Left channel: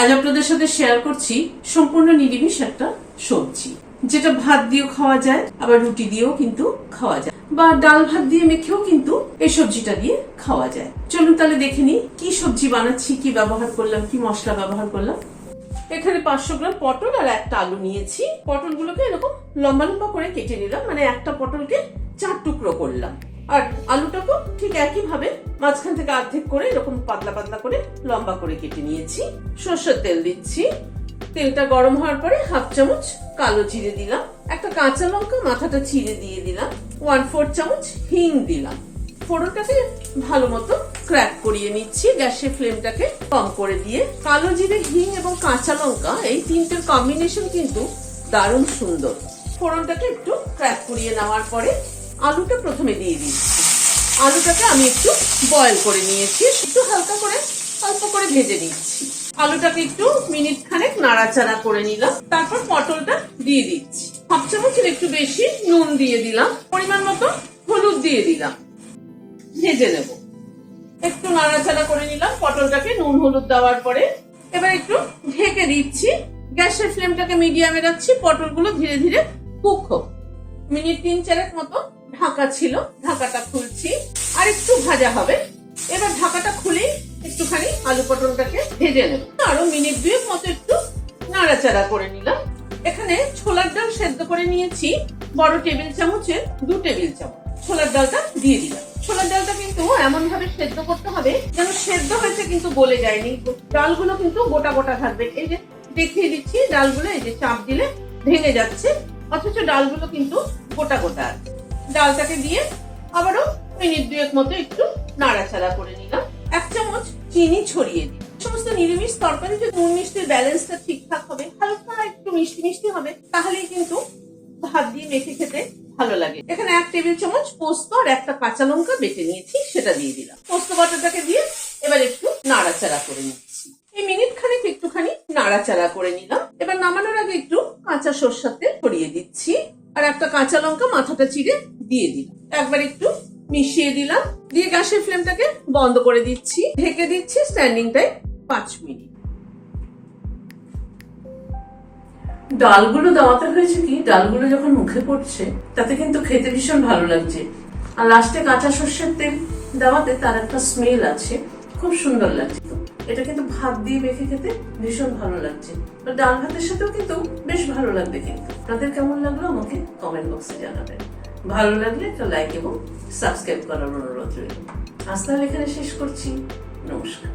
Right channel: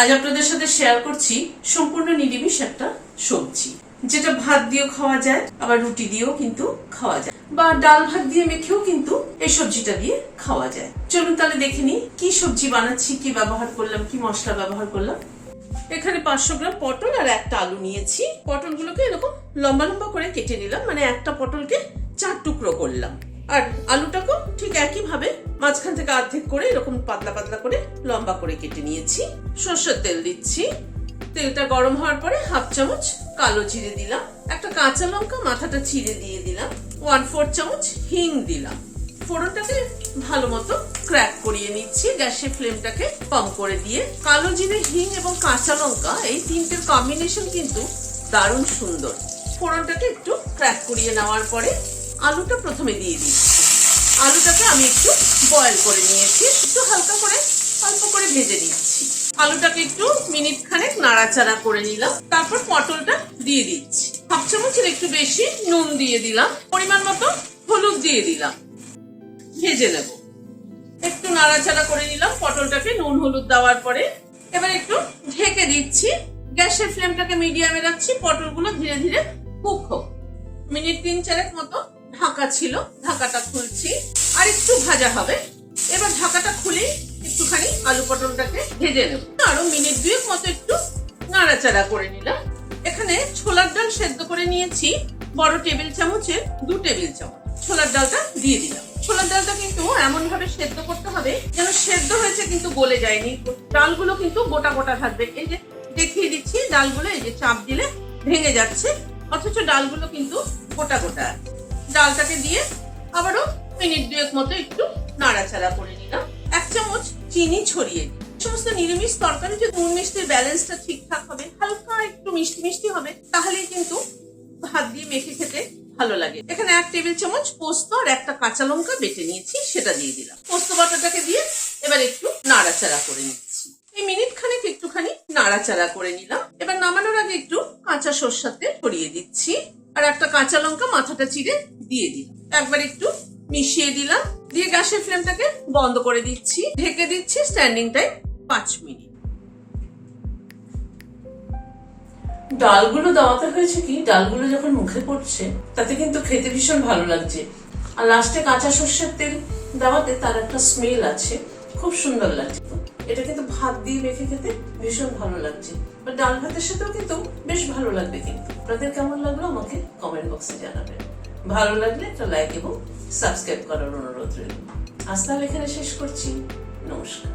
আজ আপনাদের সাথে শেয়ার করছি সম্পূর্ণ নিরামিষ একটা সবজি, যেটা ভাত দিয়েও খাওয়া যায়, আবার রুটি দিয়েও কিন্তু খাওয়া যায়, বা ডাল ভাত দিয়ে মেখেও কিন্তু এই সবজিটা দিয়ে খাওয়া যায়। চলুন তাহলে দেখে নিই কি সবজি বানাচ্ছি, কি ব্যবহার করলাম, কি মশলা ব্যবহার করলাম। এখানে 500 গ্রাম পটল আর একটা আলু নিয়েছি। পটলগুলোকে এরকম লম্বা লম্বা করে কেটে নিলাম, মানে একটা পটলকে 4 টুকরো করলাম। আর আলুটাকেও ঠিক একই ভাবে মাঝখান থেকে অর্ধেক করে এরকম পাতলা পাতলা করে লম্বা করে কেটে নিয়েছি। সরষের তেল দিচ্ছি। তেলটা গরম হওয়ার পরে 1/2 চামচ কালো জিরে দিলাম, একটা কাঁচা লঙ্কা মাথাটা চিড়ে দিয়ে দিলাম, 1/4 চামচ হিং দিলাম। ফোড়নটাকে ভালো মতো ক্র্যাক করিয়ে নিচ্ছি, গ্যাসের ফ্লেমটাকে কম করে দিয়ে। কালো জিরে, হিং এবং কাঁচা লঙ্কা এই তিনটের কম্বিনেশন কিন্তু দারুণ সুন্দর। ফোড়নটাকে একটু ক্র্যাক করিয়ে নেওয়ার পরে আলুটা প্রথমে দিয়ে দিচ্ছি। আলুটাকে আমি একটু বয়েল করে নিয়েছি, একটু হালকা করে অল্প করে ভেজে নিচ্ছি। আলুটাকে একটু মিনিট খানেক নাড়াচাড়া করে নিলাম, তারপর পটলটা দিয়ে দিচ্ছি। 1/2 চামচের একটু বেশি নুন দিয়ে দিলাম, পরিমাণ মতো হলুদ দিয়ে দিলাম, ভেজে নেব। একটু নাড়াচাড়া করে নিলাম পটলটাকে নুন হলুদ দেওয়ার পরে। এবার একটু ঢেকে দিচ্ছি, গ্যাসের ফ্লেমটাকে মিডিয়ামে রাখছি। পটলগুলো ধীরে ধীরে কুক হোক। মিনিট 3-4 মতো ঢাকা ছিল, ঢাকাটা খুলছি। আর একটু ভাজা হবে। এবার ঢাকাটা খুলে একটুখানি আলু পটলটাকে ভেজে নেব। আরো মিনিট 2 মতো একটু নাড়াচাড়া করে নিলাম। এখানে ছোলার ডাল সেদ্ধ করে নিয়েছি, বড় টেবিল চামচের 2 টেবিল চামচ ছোলার ডালটা দিয়ে দিলাম। ছোলার ডালটা কিন্তু এমন ভাবে সেদ্ধ করতে হবে যেন সেদ্ধ হয়েছে কিন্তু গলে যায়নি, ডালগুলো কিন্তু গোটা গোটা থাকবে। এই যে দেখিয়ে দিচ্ছি, ডালগুলো এই যে চাপ দিলে ভেঙে যাচ্ছে, অথচ ডালগুলো কিন্তু গোটা গোটা আছে। ডালটাকে দিয়ে আবারও মিনিট 2 মতো একটু নাড়াচাড়া করে নিলাম। 1 চামচ চিনি ছড়িয়ে দিই। সমস্ত নিরামিষ তরকারি যে নুন মিষ্টির ব্যালেন্সটা ঠিকঠাক হবে, হালকা একটু মিষ্টি মিষ্টি হবে, তাহলেই কিন্তু ভাত দিয়ে মেখে খেতে ভালো লাগে। এখানে 1 টেবিল চামচ পোস্ত আর একটা কাঁচা লঙ্কা বেটে নিয়েছি, সেটা দিয়ে দিলাম। পোস্ত বাটাটাকে দিয়ে এবার একটু নাড়াচাড়া করে নিচ্ছি। এই মিনিট খানেক একটুখানি নাড়াচাড়া করে নিলাম। এবার নামানোর আগে একটু কাঁচা সরষের তেল ছড়িয়ে দিচ্ছি, আর একটা কাঁচা লঙ্কা মাথাটা চিড়ে দিয়ে দিলাম। একবার একটু মিশিয়ে দিলাম, দিয়ে গ্যাসের ফ্লেমটাকে বন্ধ করে দিচ্ছি, ঢেকে দিচ্ছি স্ট্যান্ডিং টাইম 5 মিনিট। ডালগুলো দেওয়াতে হয়েছে কি, ডালগুলো যখন মুখে পড়ছে তাতে কিন্তু খেতে ভীষণ ভালো লাগছে। আর লাস্টে কাঁচা সর্ষের তেল দেওয়াতে তার একটা স্মেল আছে, খুব সুন্দর লাগছে। তো এটা কিন্তু ভাত দিয়ে মেখে খেতে ভীষণ ভালো লাগছে, বা ডাল ভাতের সাথেও কিন্তু বেশ ভালো লাগবে। কিন্তু আপনাদের কেমন লাগলো আমাকে কমেন্ট বক্সে জানাবেন। ভালো লাগলে একটা লাইক এবং সাবস্ক্রাইব করার অনুরোধ রইল। আজ তাহলে এখানে শেষ করছি। নমস্কার।